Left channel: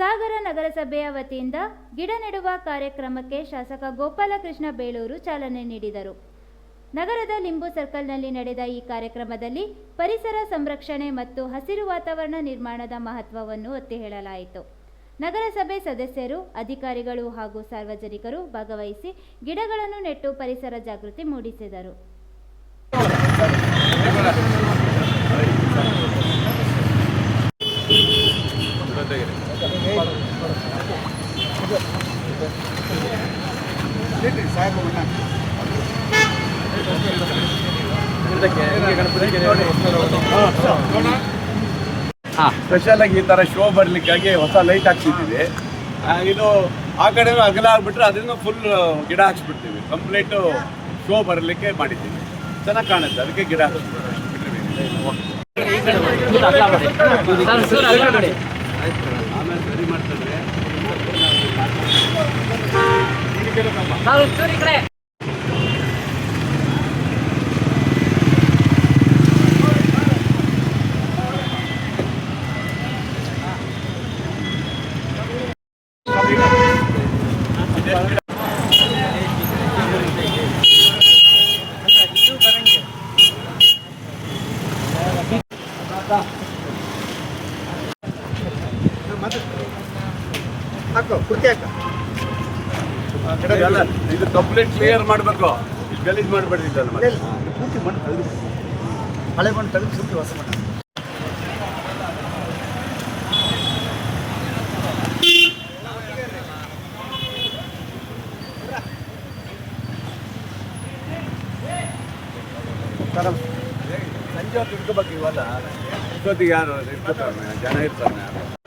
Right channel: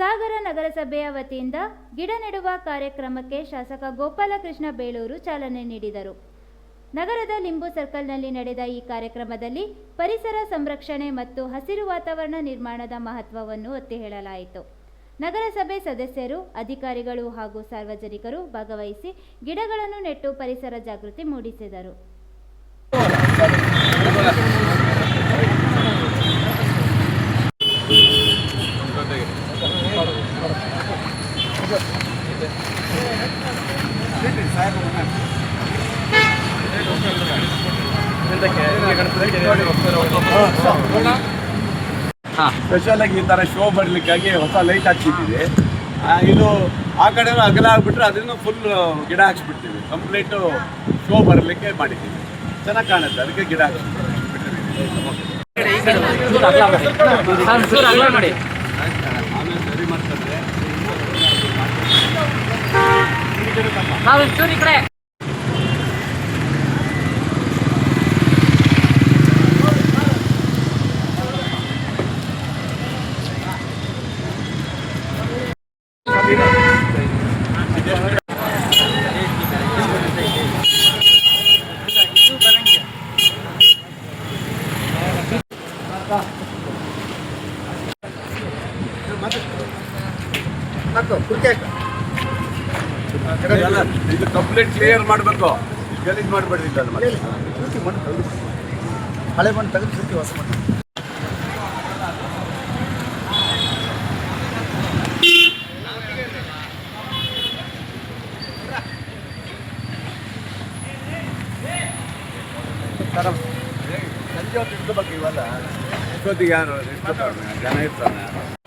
ಸಾಗರ ನಗರಸಭೆಯ ವತಿಯಿಂದ ಗಿಡ ನೆಡುವ ಕಾರ್ಯಕ್ರಮಕ್ಕೆ ಶಾಸಕ ಗೋಪಾಲಕೃಷ್ಣ ಬೇಳೂರು ಚಾಲನೆ ನೀಡಿದರು. ನಗರದ ಲಿಂಬು ಸರ್ಕಲ್ನಲ್ಲಿ ನಡೆದ ಈ ಕಾರ್ಯಕ್ರಮದಲ್ಲಿ ಪರಿಸರ ಸಂರಕ್ಷಣೆ ಮತ್ತು ಹಸಿರು ವಾತಾವರಣ ನಿರ್ಮಾಣದ ಮಹತ್ವವನ್ನು ಒತ್ತಿ ಹೇಳಲಾಯಿತು. ನಗರಸಭೆ ಸದಸ್ಯರು, ಅಧಿಕಾರಿಗಳು ಹಾಗೂ ಸಾರ್ವಜನಿಕರು ಭಾಗವಹಿಸಿ ಗಿಡಗಳನ್ನು ನೆಟ್ಟು ಪರಿಸರ ಜಾಗೃತಿ ಮೂಡಿಸಿದರು. ಸ್ಪೆಷಲ್ ಆಗಿ ಈ ತರ ಶೋ ಬರ್ಲಿಕ್ಕಾಗಿ ಹೊಸ ಲೈಟ್ ಹಾಕ್ಸಿದ್ದೀವಿ. ಇದು ಆ ಕಡೆ ಅಗಲ ಆಗ್ಬಿಟ್ರೆ ಅದನ್ನು ಫುಲ್ ಗಿಡ ಹಾಕ್ಸ್ಬಿಡ್ತೀವಿ. ಕಂಪ್ಲೀಟ್ ಶೋ ಬರಲಿಕ್ಕೆ ಮಾಡಿದ್ದೀವಿ. ಚೆನ್ನಾಗಿ ಕಾಣುತ್ತೆ, ಅದಕ್ಕೆ ಗಿಡ ಹಾಕ್ಸ್ಬಿಡ್ತೀವಿ. ಆಮೇಲೆ ಸರಿ ಮಾಡ್ತಾರೆ. ಇದು ಕಂಪ್ಲೀಟ್ ಕ್ಲಿಯರ್ ಮಾಡಬೇಕು, ಗಲೀಜ್ ಮಾಡಬೇಡಿದ್ದಲ್ಲ. ಪೂರ್ತಿ ಮಣ್ಣು ತೆಗೆದು ಹಳೆ ಮಣ್ಣು ತೆಗೆದು ಪೂರ್ತಿ ಹೊಸ ಮಣ್ಣು. ಸಂಜೆ ಹೊತ್ತು ಇಟ್ಕೋಬೇಕು. ಇವಾಗ ಇಷ್ಟೊತ್ತಿಗೆ ಯಾರು ಇಟ್ಕೋತಾರೆ, ಜನ ಇರ್ತಾರೆ.